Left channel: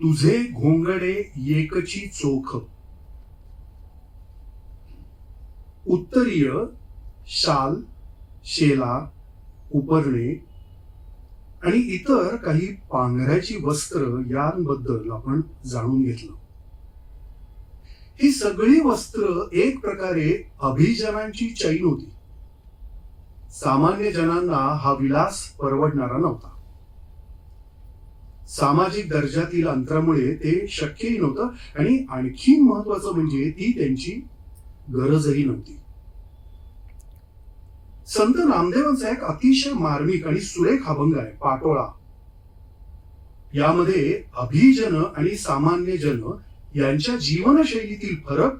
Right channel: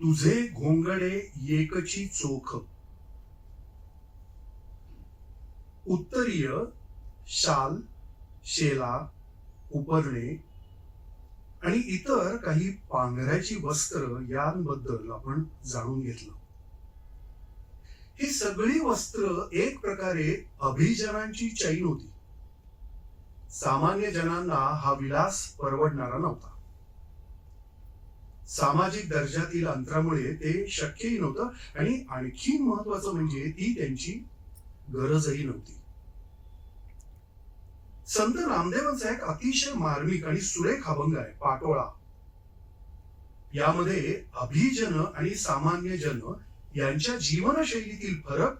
तुझे घोंगडे एकची चोख. उत्तरीय शाल शेला उपरणे आणि इतर काही पांघऱ्याची वस्त्र यांबद्दल आपण जाणून घेतलं. ही सगळी वस्त्र एक प्रकारे अभिजनांची चैन होती. सामान्य जनांना हा विलास परवडणारा नव्हता. सामाजिक दर्जातील अंतरामुळे ते शक्यही नव्हतं. आणि आणखी महत्वाचं म्हणजे ती त्यांची गरजही नव्हती. संत रामदेवांचा एक अतिशय मार्मिक आणि सुरेख अभंग आहे पाटोळा. यामध्ये अभिजन आणि सामान्य जन यांच्या जीवनशैलीतील फरक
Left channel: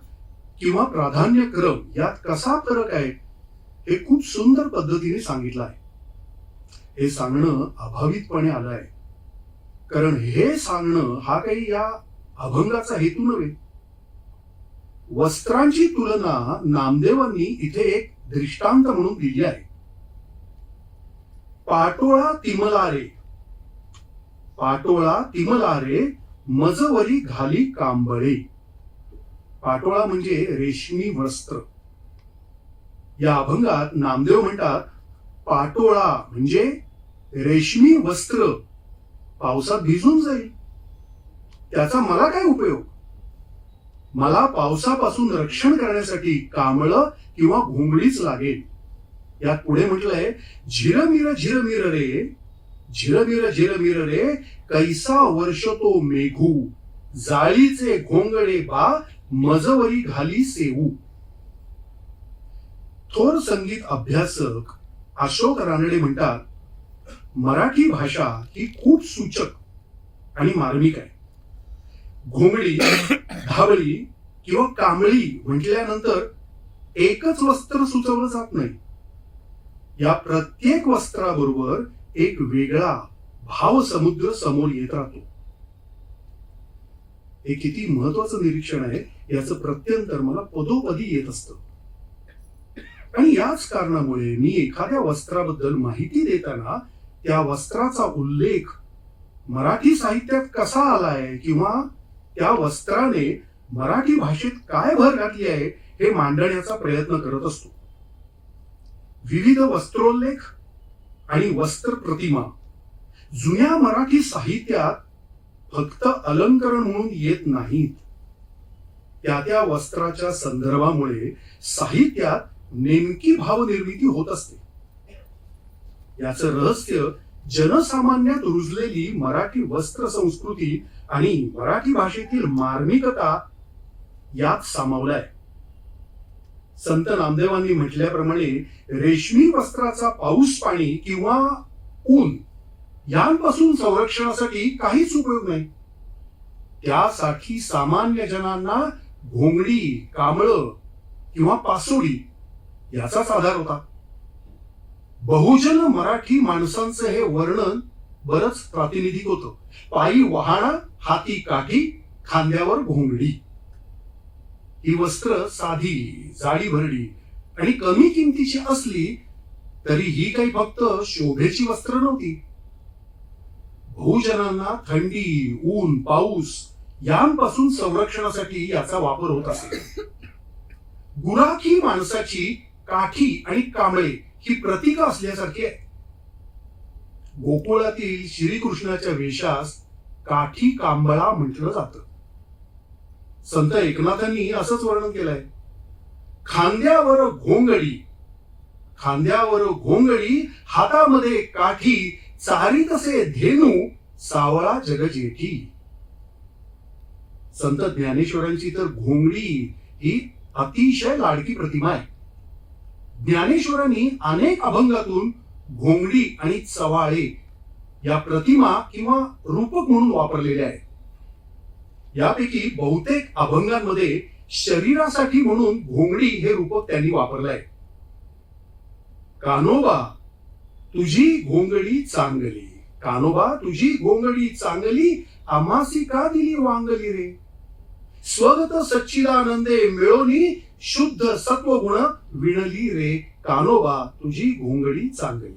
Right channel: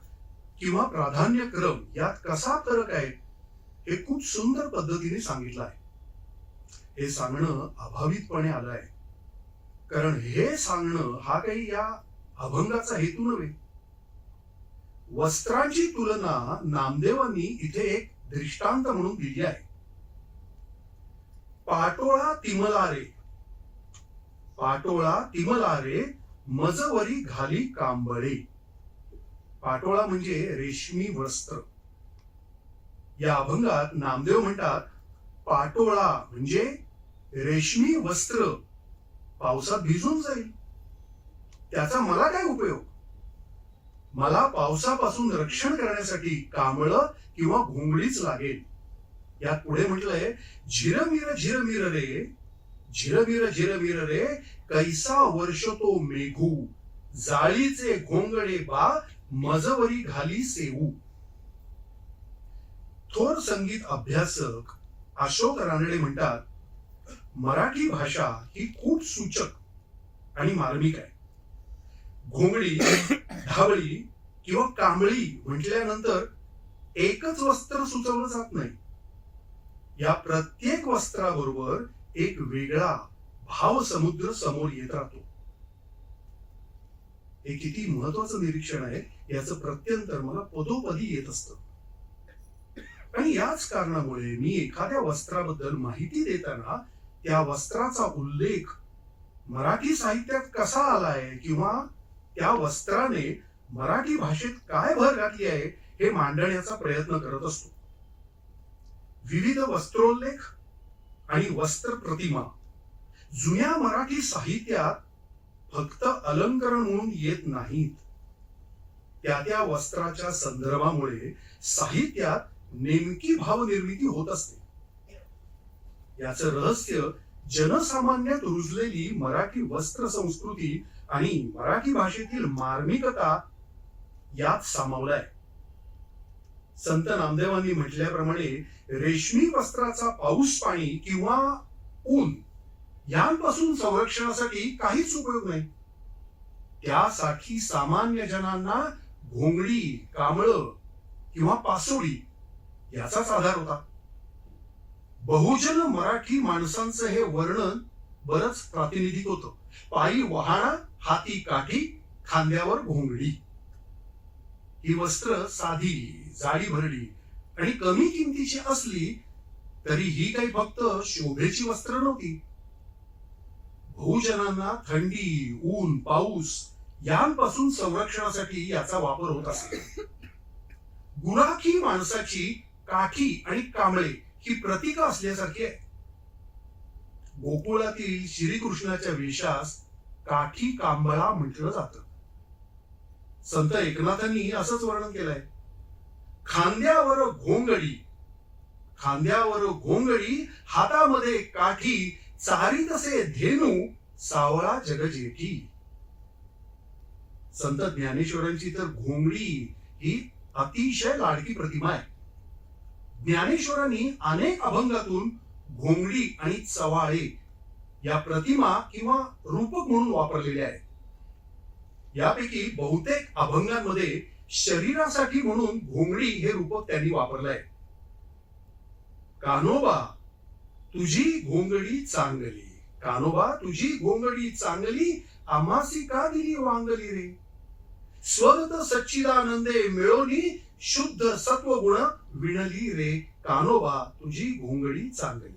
किंवा प्राधान्यक्रम यात कसा फरक आहे हे खूप सुंदर पद्धतीने सांगितलं आहे. हे सांगणं अभावितपणे आलं आहे. कारण हे सांगणं हा काही या अभंगाचा हेतू नव्हे. वस्त्रांची तुलना नामदेवांनी इथे एक दृष्टांत म्हणून दिली आहे. पाटोळा तिमलारे. पाटोळा तिमलारे मजवरी घाली कांबळे. पाटोळा म्हणजे रेशमी वस्त्र. या अभंगात नामदेव म्हणतात पाटोळा म्हणजे रेशमी वस्त्र. पावसात भिजून जाईल. त्याचा मला काय उपयोग? मला पावसापासून रक्षण करण्यासाठी कांबळ किंवा घोंगडीच लागेल. यात पुढे म्हटलंय झिरमिर झिरमिर रे झिरमिर झिरमिर रे कैसा वर्ष तो मेघू जाळीचे घोंगडे बा मजवरी घाली सेवू. थोर संगीत अभ्यासक अशोक रानडे म्हणतात मराठी भाषा ही खूप सूचक आणि मार्मिक आहे. घोंगडी धावळी किंवा कांबळी म्हटल्यानंतर एकच वस्त्र सुचवलं जात नाही. या प्रत्येक वस्त्राबरोबर एक वेगळा भाव समुद्र समोर येत राहतो. हे किती महत्वाचं निरीक्षण आहे याचं प्रत्यंतर मला पदोपदी येत असत. आणि याच कारणामुळे मी एखाद्या वस्त्राबद्दल माहिती देताना त्या वस्त्राचा उल्लेख मराठी साहित्यात कसा आलाय किंवा त्या वस्त्राने मराठी भाषेत काय भर घातली आहे हे मांडण्याचा प्रयत्न करत असतो. विविध वस्त्रोल्लेख आणि वस्त्र प्रतिमा जुन्या मराठी साहित्यात फक्त अलंकरण म्हणून येत नाहीत. त्या त्या वस्त्राच्या संदर्भामुळे साहित्यात नेमकी भावनिर्मिती होत असते. याचं रहस्य जनसामान्यात रुजलेली मराठी वस्त्र संस्कृती आणि मराठी भाषेतील मार्मिकता यात सामावलाय. संत नामदेवांनी म्हटल्याप्रमाणे रेशमी वस्त्राचा पाऊस पाणी किंवा ऊन यांपासून संरक्षणासाठी काहीच उपयोग नाही. त्यासाठी सामान्य जनांना घोंगडी कांबळ किंवा पासोडी याचाच आधार होता. बहुजन मराठी माणसांचं हे वर्णन बरंच प्रातिनिधिक होतं. पायी वाहना हाती काठी खांद्यावर घोंगडी. ही वस्त्र साधी जाडी भरली आणि कमी किमतीची असली तरी ही काही फक्त शोभेची वस्त्र नव्हती. बहुजनांना थंडी ऊन पाऊस यांपासून संरक्षणासाठी याचा वापर होत असे. गुराखी माणसाची काठी आणि कांबळे ही प्रतीक असल्यासारखी आहे. गोकुळातील श्रीकृष्णाच्या वेशास काठी कांबळा म्हटलं जात. संत एकनाथांनी असंच वर्णन केलंय. खांद्यावर घोंगडी खांद्यावर घोंगडी हातामध्ये काठी चारी तसे धेनू सावळा जगजेठी. संत ज्ञानेश्वरांची तर घोंगडी ही अतिशय लाडकी प्रतिमा आहे. ज्ञानेश्वरांनी अनेक अभंगातून घोंगडी आणि चवाळे या प्रतिमा किंवा रूपक म्हणून वापरलेल्या आहेत. यापैकी बहुतेक अभंगांमध्ये शरीरासाठी म्हणून घोंगडी हे रूपक त्यांनी वापरलं आहे कानोबा तुझी घोंगडी चांगली. कानोबा तुझी घोंगडी चांगली आमासी का दिली वांगली रे? स्वगत सच्चिदानंदे मिळोनी शुद्ध सत्वगुण विणली रे कानोबा तुझी घोंगडी चांगली.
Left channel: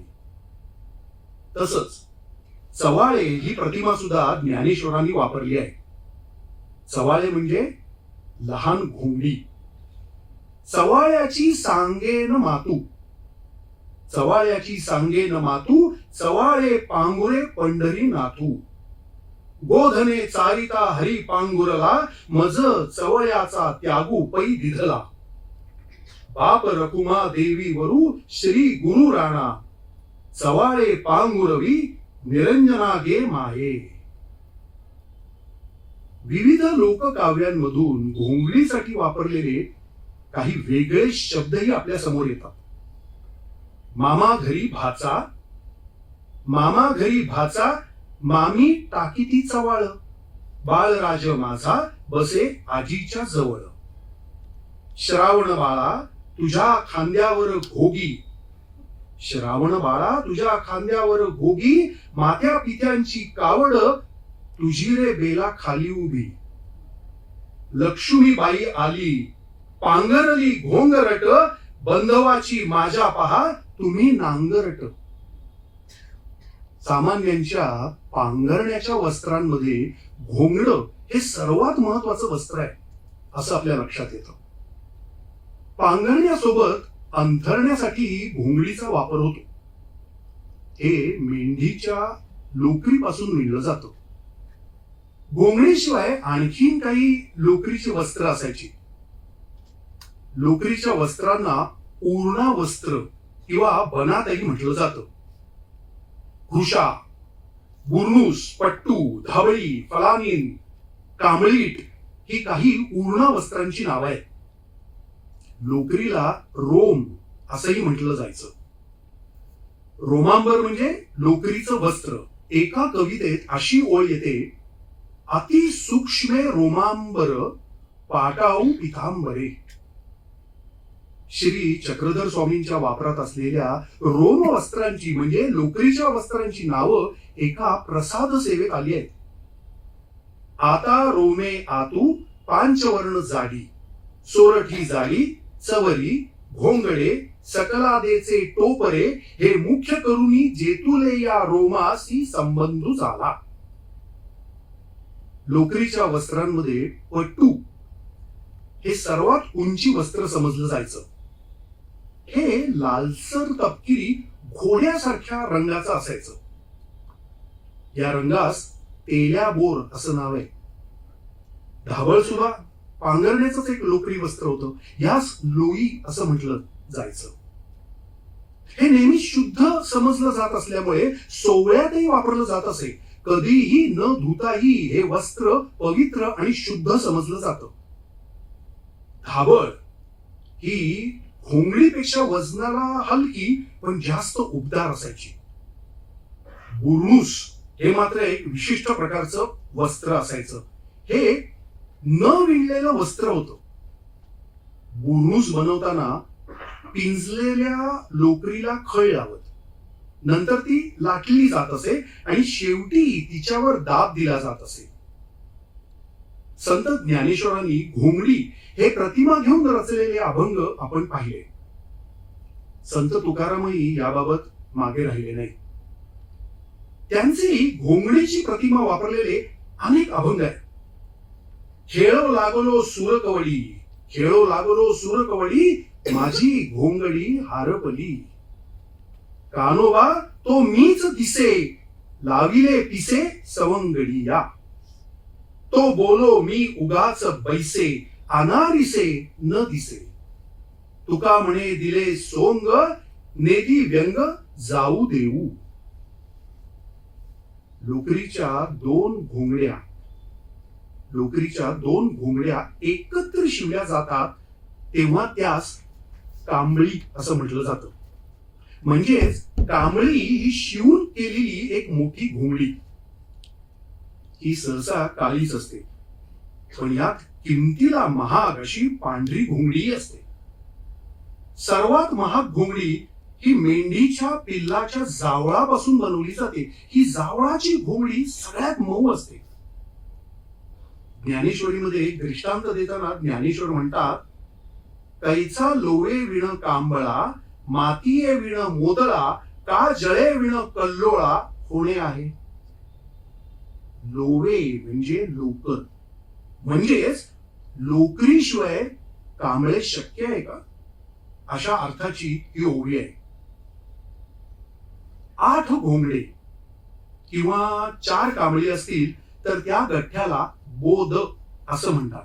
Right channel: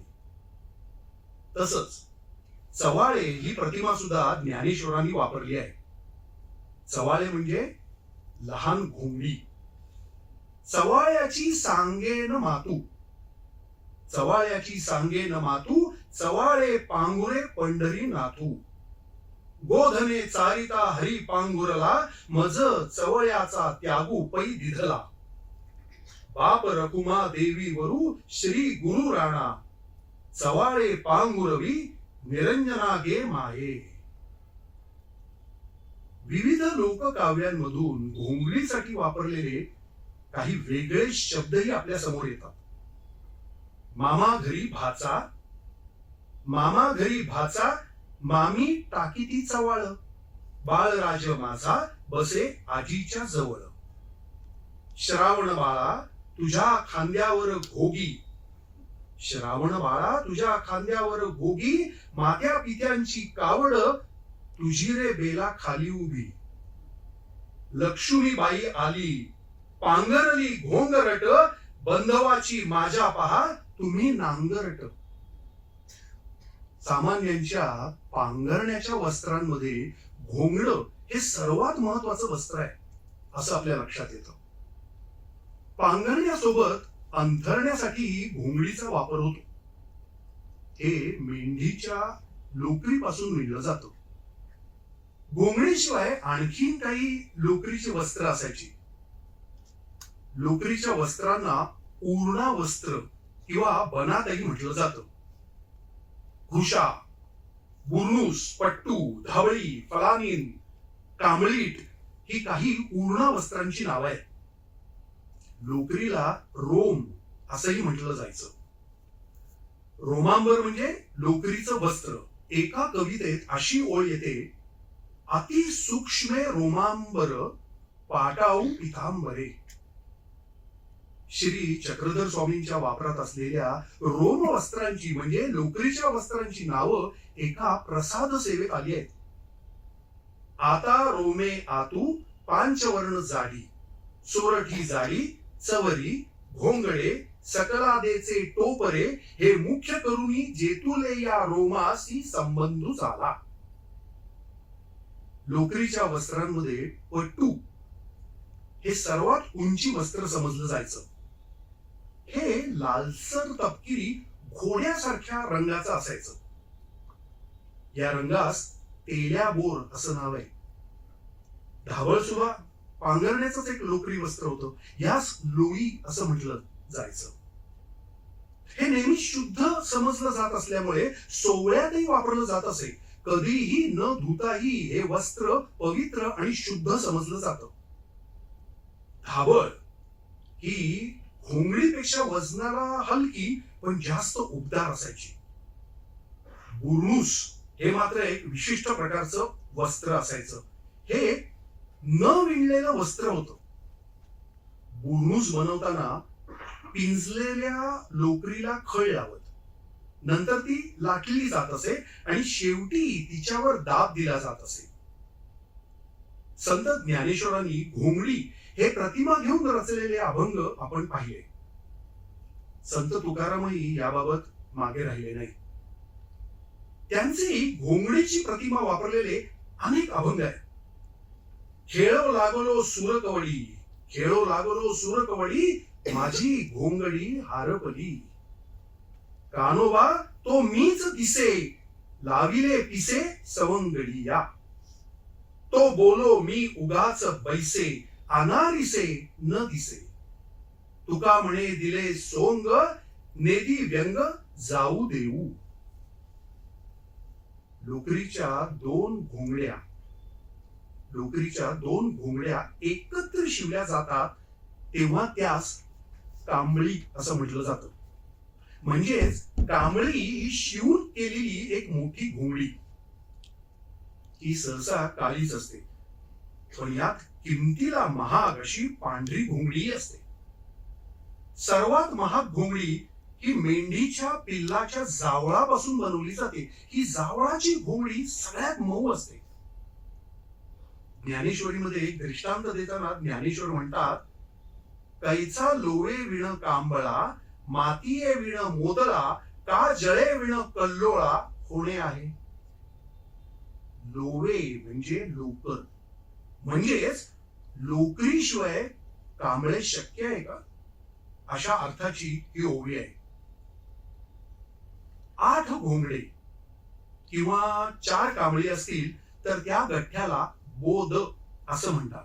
तसच चवाळे ही प्रतिमा सुद्धा ज्ञानेश्वरांनी वापरली आहे. चवाळे म्हणजे लहान घोंगडी. चवाळ्याची सांगेन मातू. चवाळ्याची सांगेन मातू चवाळे पांगुरे पंढरी नातू. गोधने चारिता हरी पांगुरला मज चवळ्याचा त्यागू पै दिधला. बाप रकुमा देवी वरू श्री गुरु राणा. चवाळे पांगुरवी निरंजना गे माये. विविध लोककाव्यांमधून घोंगडीसाठी वापरलेले काही वेगळे शब्दही आपल्यासमोर येतात. मामा घरी भाचा मामा घरी भाचा मामी टाकीती चवाळ. बाळराज माझा बसे आजीच्या जवळ. श्रावण बाळा तुझ्या खांद्यावर घोगी. श्रावण बाळा तुझ्या खांद्यावर घोगी मात्या पित्यांची कावड तुझी रे बेला खाली उभी. लक्ष्मीबाई आली पांगरली घोंगरट बंधवाची माझ्या पहा तुम्ही नांगरट. सामान्यांच्या पांघरण्याच्या वस्त्रांमध्ये घोंगड हे सर्वात महत्वाचं वस्त्र आहे असं आपल्या लक्षात येतं. पांघरण्यासोबत अंथरण्यासाठी घोंगडीचा वापर होतो. हे मेंढीच्या लोकरीपासून मिळलं जातं. घोंगडीशिवाय आणखीन काही लोकरीची वस्त्र असायची. लोकरीच्या वस्त्रांना पूर्णा वस्त्र किंवा बनातही म्हटलं जात. घुशा बुरनूस पट्टू धाबळी फलानीन कांबळीट ही काही पूर्णा वस्त्रांची नावं आहेत. लोकरीला रोम असंही म्हटलं जायचं. रोमांबर म्हणजे लोकरीचं वस्त्र. एका कवितेत अशी ओळ येते अति सूक्ष्मे रोमांबर पाटाऊ पितांबरे. श्री चक्रधर स्वामींच्या वापरात असलेल्या रोम वस्त्रांची म्हणजे लोकरीच्या वस्त्रांची नावं एका प्रसाद सेवेत आली आहेत. आता रोमे आतू पांचवर्ण जाडी सोरठी जाडी चवरी घोंगडे सकलादेचे टोपरे हे मुख्य करुणी जेतुले या रोमासी संबंध झाला. लोकरीच्या वस्त्रांमध्ये पट्टू हे सर्वात उंची वस्त्र समजलं जायचं. हे लालसर तपकिरी घोड्यासारख्या रंगाचं असायचं. या रंगास तेल्या बोर असं नाव आहे. धावळ सुद्धा पांघरण्याचंच एक लोकरी वस्त्र होतं. यास लोई असं म्हटलं जायचं. हे नेहमी शुद्ध समजलं जात असल्यामुळे सोहळ्यातही वापरलं जात असे. कधीही न धुताही हे वस्त्र पवित्र आणि शुद्ध समजलं जात. धाबळ ही घोंगडीपेक्षा वजनाला हलकी पण जास्त उबदार असायची. बुर्नूस हे मात्र एक विशिष्ट प्रकारचं वस्त्र असायचं. हे न विणलेलं वस्त्र होतं. बुरुज बनवताना पिंजलेल्या लोकरीला खळ लावत नंतर ती लाटली जात असे आणि शेवटी तिच्यावर दाब दिला जात असे. संत ज्ञानेश्वरांनी घोंगडी हे प्रतिमा घेऊन रचलेले अभंग आपण पाहिले. संत तुकारामही याबाबत मागे राहिले नाही. त्यांचे घोंगडीची प्रतिमा वापरलेले अनेक अभंग आहेत. खेळो लागलो सुरकवडी खेळो लागलो सुरकवडी माझी घोंगडी हारपली. कानोबा तो मीच दिसे लाविले पिसे सवंगडी या तो बोलो मी उगाच बैसे अनारिसे न दिसे. तुका म्हणे दिले सोंग नेदी व्यंग जाऊ देऊ. डोकरीच्या दोन घोंगड्या. लोकरीच्या दोन घोंगड्या एकत्र शिवल्या जातात तेव्हा त्यास कांबळी असं म्हटलं जातं. म्हणजेच कांबळी ही शिवून केलेली एक मोठी घोंगडी. ही सहसा काळीच असते. पण यात किमतीला महाग अशी पांढरी घोंगडी असते. सर्वात महाग घोंगडी ही मेंढीच्या पिल्लाच्या जावळापासून बनवली जाते. ही जावळाची घोंगडी सगळ्यात मऊ असते. ज्ञानेश्वरीमध्ये एक दृष्टांत देताना ज्ञानेश्वर म्हणतात कैचा लोवे विण कांबळा मातीये विण मोदळा का जळे विण कल्लोळा होणे आहे? लोवे म्हणजे लोक. म्हणजेच लोकरीशिवाय कांबळे शक्य आहे का? अशा अर्थाची ही ओवी आहे. आठ घोंगडे किंवा चार कांबळी असतील तर त्या गठ्ठ्याला बोध असं म्हणतात.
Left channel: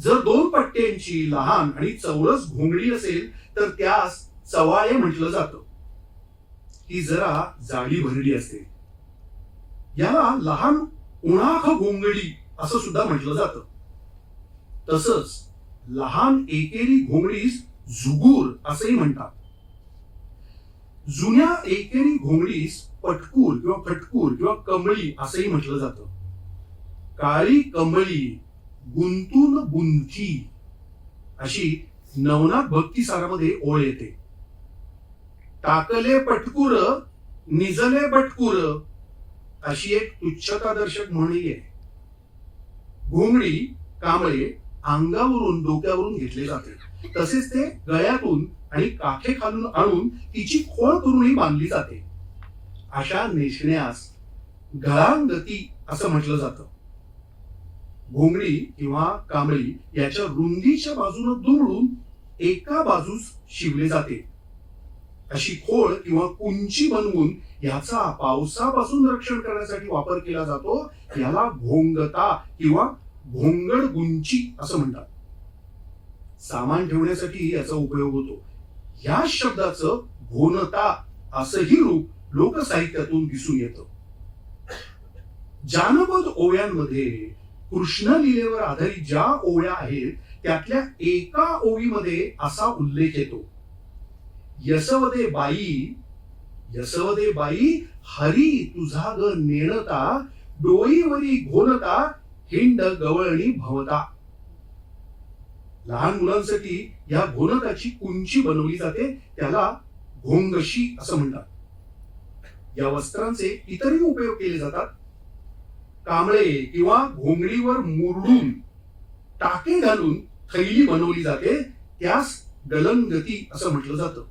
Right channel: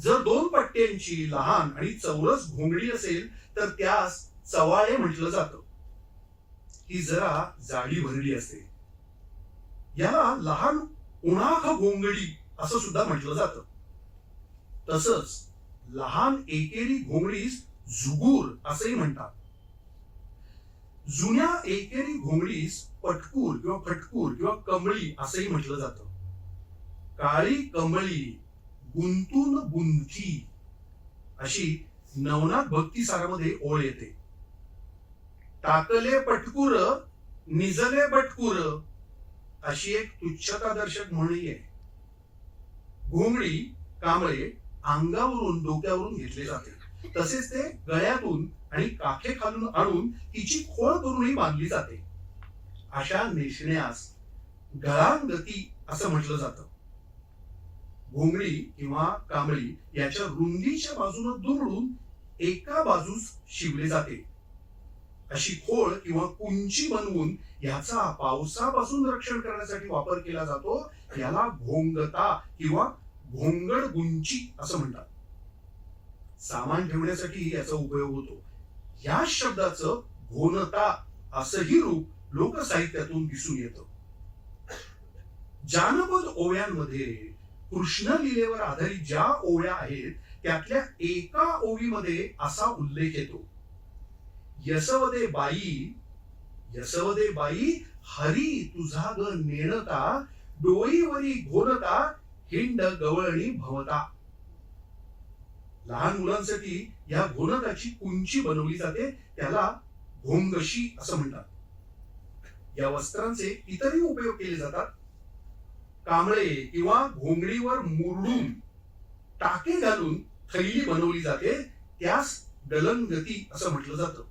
जर दोन पट्ट्यांची लहान आणि चौरस घोंगडी असेल तर त्यास चवाळे म्हटलं जातं. ही जरा जाळी भरली असते याला लहान उणाख घोंगडी असं सुद्धा म्हटलं जातं. तसंच लहान एकेरी घोंगडीस झुगूर असंही म्हणतात. जुन्या एकेरी घोंगडीस पटकूर किंवा फटकूर किंवा कमळी असंही म्हटलं जातं. काळी कमळी गुंतून गुंती अशी नवनाथ भक्ती सारामध्ये ओळ येते. टाकले पटकुर निजले बटकुर अशी एक तुच्छतादर्शक म्हणही आहे घोंगडी कांबळे अंगावरून डोक्यावरून घेतले जाते. तसेच ते गळ्यातून आणि काखे खालून आणून तिची खोळ करूनही बांधली जाते. अशा नेसण्यास गळांगती असं म्हटलं जातं. घोंगडी किंवा कांबळी याच्या रुंदीच्या बाजूने दुमडून एका बाजूस शिवले जाते. अशी खोळ किंवा कुंची बनवून याचा पावसापासून रक्षण करण्यासाठी वापर केला जातो. याला भोंगता किंवा भोंगड गुंची असं म्हणतात. सामान ठेवण्यासाठी याचा उपयोग होतो. या शब्दाचं भोनता असंही रूप लोकसाहित्यातून दिसून येतं. जानपद ओव्यांमध्ये कृष्ण लिलेवर आधारित ज्या ओव्या आहेत त्यातल्या एका ओवीमध्ये असा उल्लेख येतो. यसवदे बाई यसवदे बाई हरी तुझा ग नेणता डोईवरी घोलता हिंड गवळणी भवता. लहान मुलांसाठी या घोनताची कुंची बनवली जाते त्याला घोंगशी असं म्हणतात. या वस्त्रांचे इतरही उपयोग केले जातात. कांबळे किंवा घोंगडीवर मुरडून टाके घालून थैली बनवली जाते त्यास गलनगती असं म्हटलं जातं.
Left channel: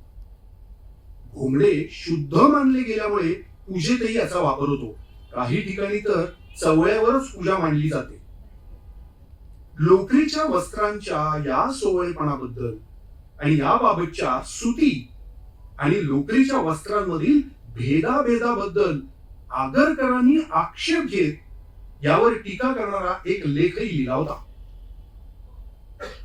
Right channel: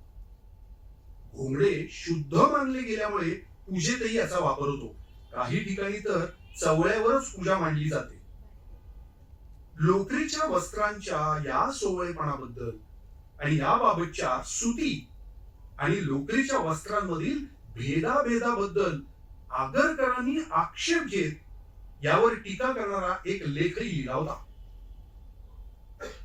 घोंगडे शुद्ध मानले गेल्यामुळे पूजेतही याचा वापर होतो. काही ठिकाणी तर चवळ्यावरच पूजा मांडली जाते. लोकरीच्या वस्त्रांच्या या सोवळेपणाबद्दल आणि याबाबतच्या सुती आणि लोकरीच्या वस्त्रांमधील भेदाभेदाबद्दल आगरकरांनी आक्षेप घेत यावर टीका करणारा एक लेखही लिहिला होता.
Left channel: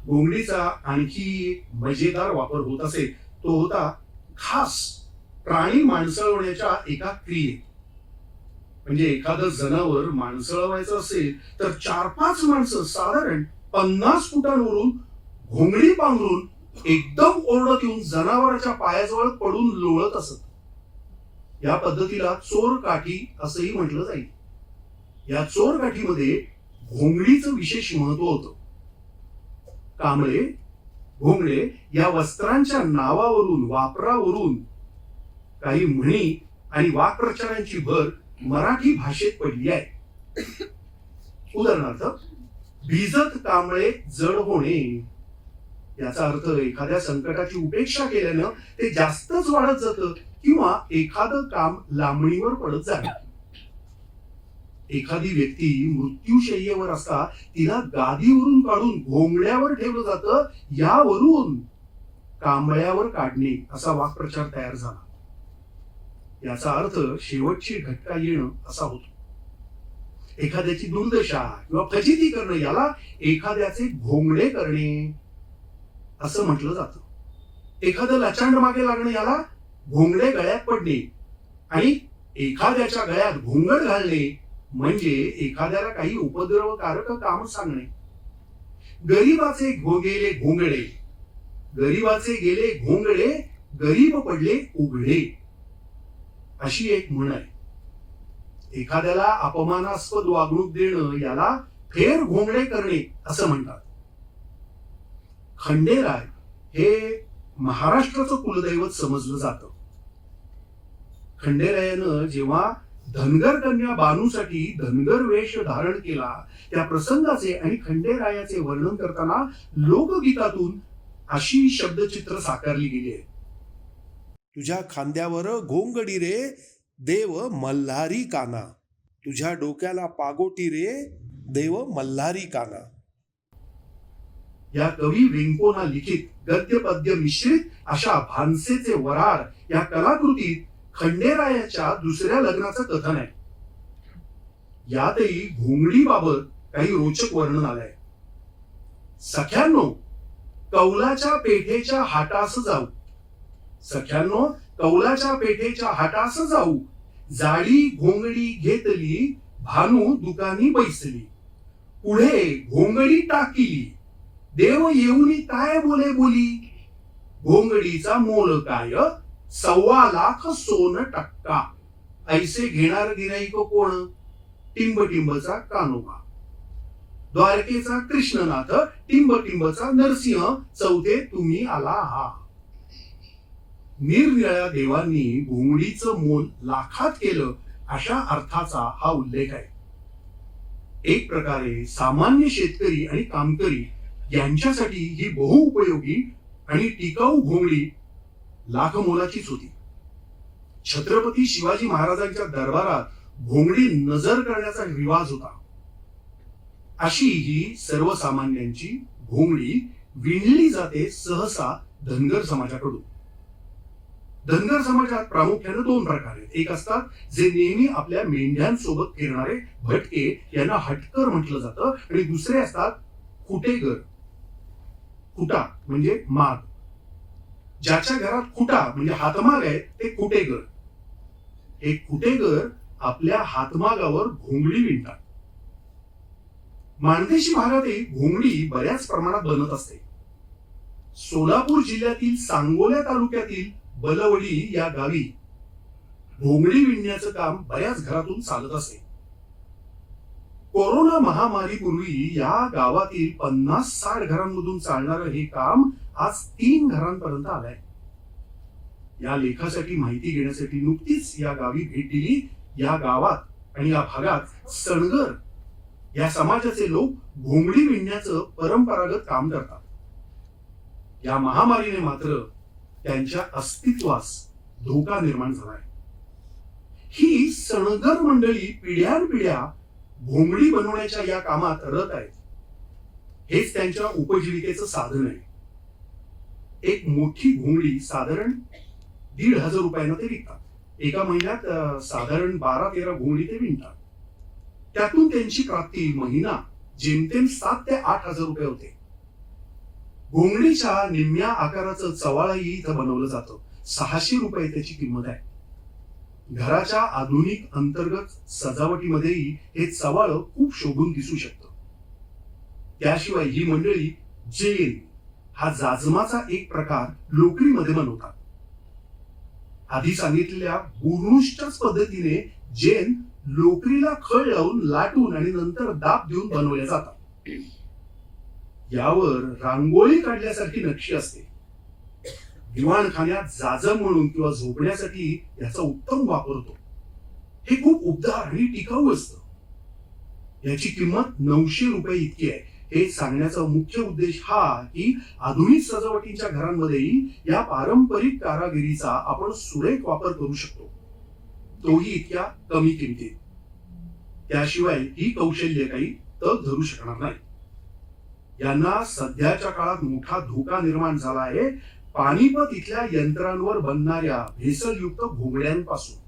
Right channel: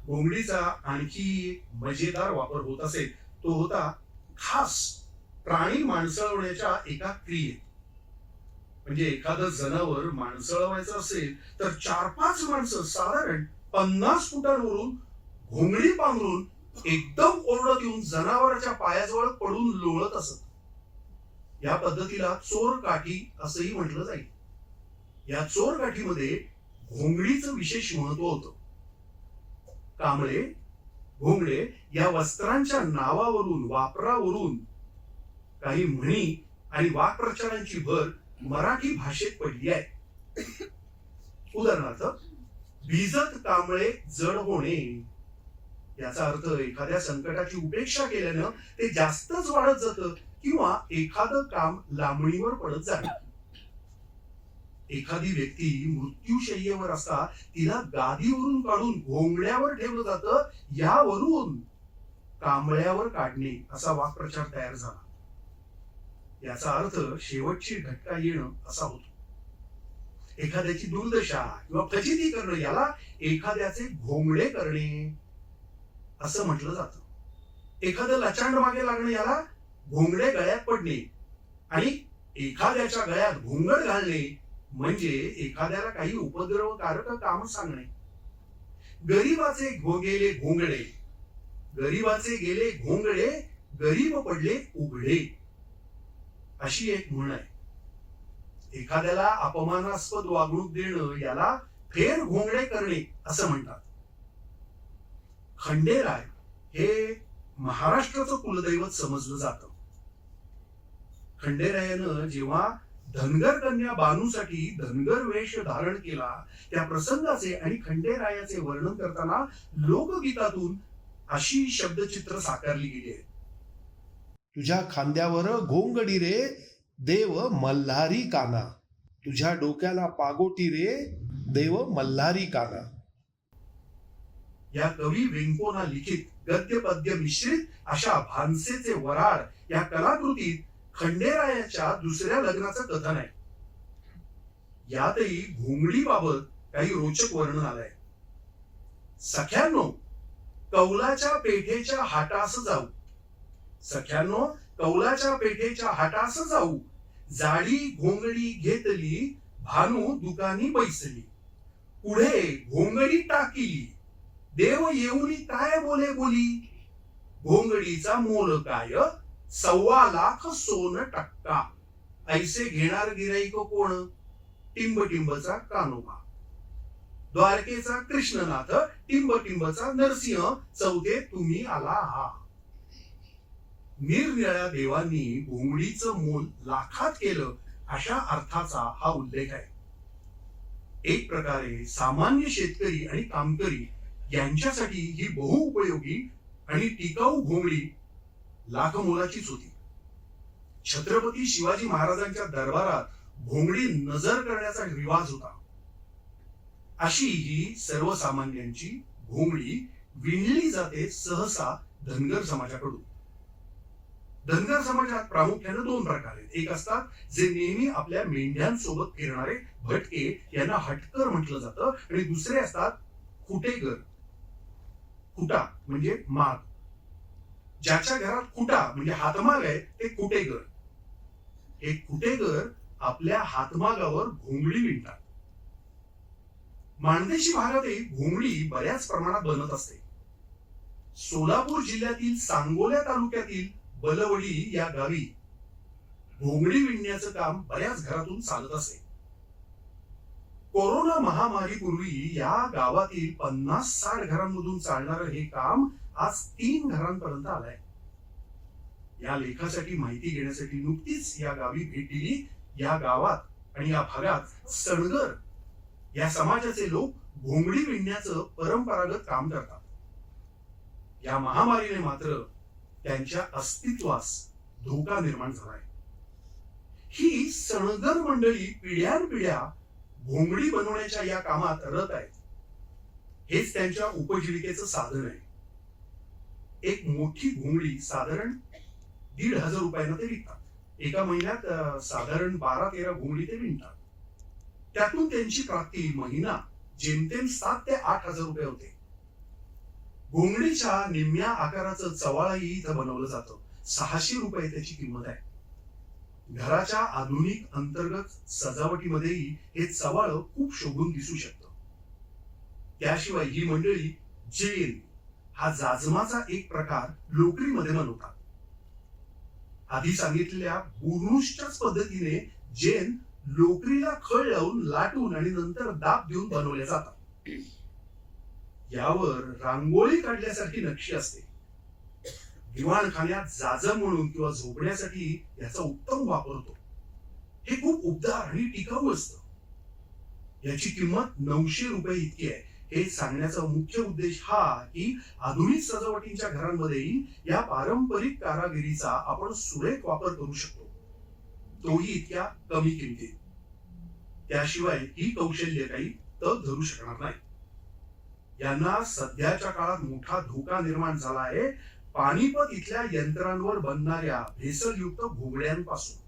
घोंगडीचा आणखी मजेदार वापर होत असे तो होता खास प्राणी माणसळवण्याच्या एका क्रियेत. म्हणजे एखादं जनावर माणसळवायचं असेल तर चार पाच माणसं साधारण पन्नास फुटांवरून घोंगडी पांघरून एकदम ओरडत येऊन जनावराच्या पायाजवळ पडून लोळत असत. या पद्धतीला चोर काठी असंही म्हटलं जाईल. या चोर काठीमध्ये घोंगडीचं विशेष महत्त्व होतं. कांबळे घोंगडे या वस्त्रांच्या नावावरून वापरावरून काही म्हणी आणि वाक्प्रचारांची भर मराठी भाषेत पडली आहे. उदाहरणार्थ भिजत कांबळे जड होणे. याचा अर्थ एखाद्या संकटाची उपेक्षा केल्यानं ते जास्तच वाढत जातं किंवा एखादं काम लांबणीवर पडत जातं. एखादी व्यक्ती मृत्यूशय्येवर असता तिला गादीवरून काढून घोंगड्यावर ठेवलं जातं यावरून कांबळ्यावर काढणे असा वाक्प्रचार तयार झाला. याचा अर्थ शेवटची घटका येणं असा होतो. एखाद्याची दुर्दशा किंवा फजिती करणं याला एखाद्याचे घोंगडे करणे असं म्हटलं जात. एखादं लचांड मागे लागणं याला घोंगडे गळ्यात पडणे आणि एखाद्याच्या गळ्यात घोंगड घालणे म्हणजे एखाद्याला काही उपद्रवकारक काम सांगणे. गरीबाचे गेले घोंगडे गरीबाचे गेले घोंगडे गरीब पडले उघडे. अशी एक म्हण आहे. एखाद्याला अपमानास्पद वागणूक देणं याला फेर घोंगडे करणे असं म्हणतात. खंडेराय हे महाराष्ट्राचं कुलदैवत समजलं जात. खंडेरायानं जेव्हा धनगर कन्या बानूसाठी धनगर वेश धारण केला. त्या प्रसंगाचे आणि खंडेरायाचे वर्णन करताना लोकगीतातून अशी शब्दचित्र साकारली गेली आहे. तुझ्या खांद्यावर घोंगडी रे देव मल्हारी काना. तुझ्या डोक्याला पागोटी रे देव मल्हारी काना. या कवी वेंकोना लिखित गद्य पद्य मिश्रित अशा भानसेचे वराड या कलाकृतीत खंडेरायाच्या दुसऱ्या लग्नाचं कथन आहे. यातही घोंगडीबाबत काही रोचक वर्णन आलंय. सख्यांनो कौलाच्या पेठेच्या हाटास जाऊ. सख्यांनो कौलाच्या पेठेच्या हाटास जाऊ. जाडी घोंगडी घेतली भानू दुकानी बैसली. पुढे घोंगडी टाकीली. देव येऊनी काय बोले बोली? घोंगडीचा मोल काय? सव्वा लाख सोन टक्का. ऐसे घेणार गिराईक कोण? टिंब टिंबचा कानोबा द्वारकेचा कृष्णनाथ टिंब टिंबचा नरसिंह चौथे तुम्ही आला हा निरनिळ्या देवांनी घोंगडीचं मोल लाखात केलं अशा अर्थाचा हा उल्लेख आहे. एक प्रकारे सामान्य शेतकरी आणि कामकरी यांच्यासाठी ही बहुउपयोगी आणि टिकाऊ घोंगडी लाख मोलाचीच होती. छत्रपती शिवाजी महाराजांच्या दरबारात भोंगडी नजर करण्याचा रिवाज होता. अशी ही सर्वसामान्यांची भोंगडी विणली जाते सहसा धनगर समाजाकडून. धनगर समाजात प्रामुख्याने दोन प्रकार आहेत. एक असतात जे नेहमी आपल्या मेंढ्यांसोबत फिरणारे भटके यांना हटकर म्हटलं जातं. आणि दुसरे असतात खुटेगर खुटा म्हणजे माग ज्याच्या घरात खुटा म्हणजे हातमाग आहे ते कुटेगर हे कुटेगर आपल्या हातमागावर घोंगडी विणतात. माणदेशी भागातही घोंगडी बऱ्याच प्रमाणात बनत असते. सोलापूर जिल्ह्यातील सांगोल्या तालुक्यातील बलवडी या गावी घोंगडी विणण्याचं काम बऱ्याच घरातून चालत असे. कोरोना महामारीपूर्वी या गावातील पन्नास साठ घरांमधून चालणारं हे काम आज तीन घरांपर्यंत आलंय. या लेखासाठी माहिती घेण्यासाठी नुकतीच या गावी भेट दिली. या गावात आणि या भागात सणगर या समाजाचे लोक घोंगडी विणण्याचं परंपरागत काम करतात. या महामारीने मात्र त्यांच्या अस्तित्वास धोका निर्माण झालाय. ही सणगर मंडळी पिढ्यानपिढ्या घोंगडी बनवण्याच्या या कामात रत आहेत हेच त्यांच्या उपजीविकेचं साधन आहे. एक मोठी घोंगडी साधारण दीड हजार रुपयांना ते विकतात. एका महिन्यात साधारण बारा तेरा घोंगडी ते विणतात. त्यातून त्यांची प्राप्ती महिना जेमतेम सात ते आठ हजार रुपये होते. घोंगडीच्या निम्म्या आकाराचं चवाळाही इथं बनवलं जातं. सहाशे रुपये त्याची किंमत आहे. घराच्या आधुनिक अंतर्गत सजावटीमध्येही हे चवाळ खूप शोभून दिसू शकतं. त्याशिवाय ही मंडळी जेल हा जाजमाचा एक प्रकार लोकरीमध्ये बनवतात. आधी सांगितलेल्या बुरुष्टच पद्धतीने जेन लोकरीला खळ लावून लाटून आणि नंतर दाब देऊन बनवले जातात. यावर रांगोळी काढल्यासारखी नक्षी असते. दिवाणखान्यात जाजम म्हणून किंवा झोपण्यासाठी याचा उत्तम वापर होतो हे खूप उबदार आणि टिकाऊ असतं. याची किंमत नऊशे रुपये इतकी आहे. हे सांगण्याचा मुख्य उद्देश हा की आधुनिक सजावटीच्या घरांमध्येही या पारंपरिक कारागिरीचा आपण सुरेख वापर करू शकतो. तोही इतक्या कमी किमतीत. त्याशिवाय ही कौशल्य काही तग धरू शकणार नाही. यांना सध्याच्या काळात मोठा धोका निर्माण झाला आहे पानिपत इथल्या यंत्रांवर बनणाऱ्या भेसळयुक्त घोगड्यांपासून.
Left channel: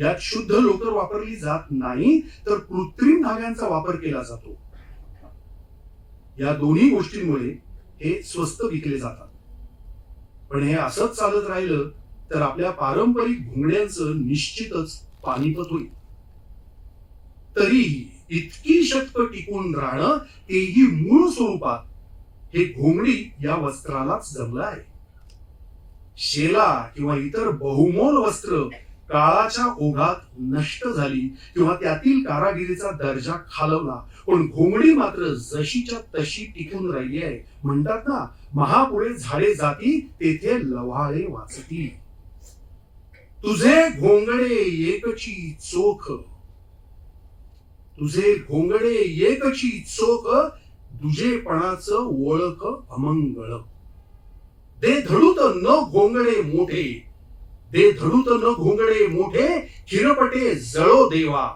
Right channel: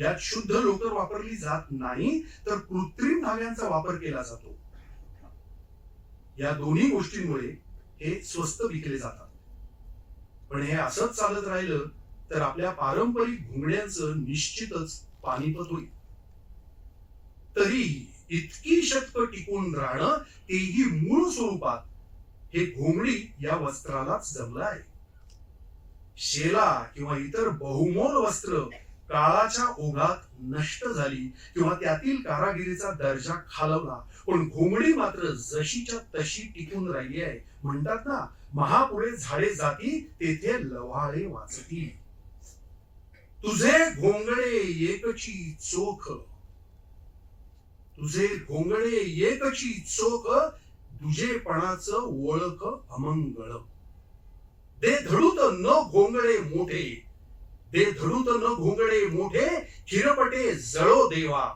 यात शुद्ध लोकर वापरली जात नाही तर कृत्रिम धाग्यांचा वापर केला जातो. या दोन्ही गोष्टींमुळे हे स्वस्त विकले जातात. पण हे असंच चालत राहिलं तर आपल्या पारंपरिक घोंगड्यांचं निश्चितच पानिपत होईल. तरी इतकी शक्त टिकून राहणं तेही मूळ स्वरूपात हे घोंगडी या वस्त्रालाच जमलं आहे. शेला किंवा इतर बहुमोल वस्त्र काळाच्या ओघात नष्ट झाली किंवा त्यातील कारागिरीचा दर्जा खालवला. पण घोंगडी मात्र जशीच्या तशी टिकून राहिली आहे. म्हणतात ना महापुरे झाडे जाती तेथे लव्हाळे वाचती. तुझे घोंगडे एकची चोख. तुझे घोंगडे एकची चोख दुजेपणाचं ओळख अमंगळ. दे धडूत न घोंगडे मोठे. दे धडूत न घोंगडे मोठे हिरपटे जळो देवा.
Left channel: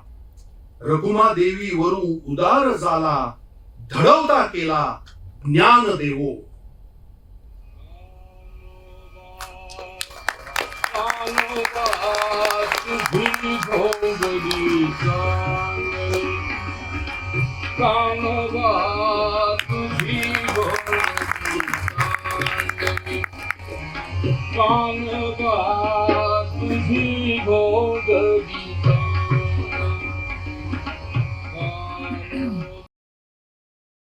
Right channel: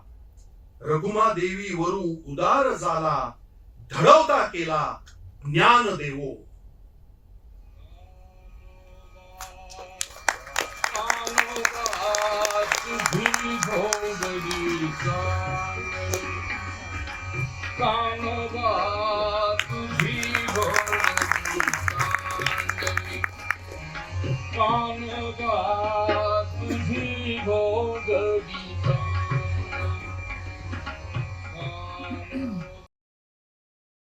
रघुमा देवी वरू उदार झाला धडवता केला ज्ञान देवो. तुझी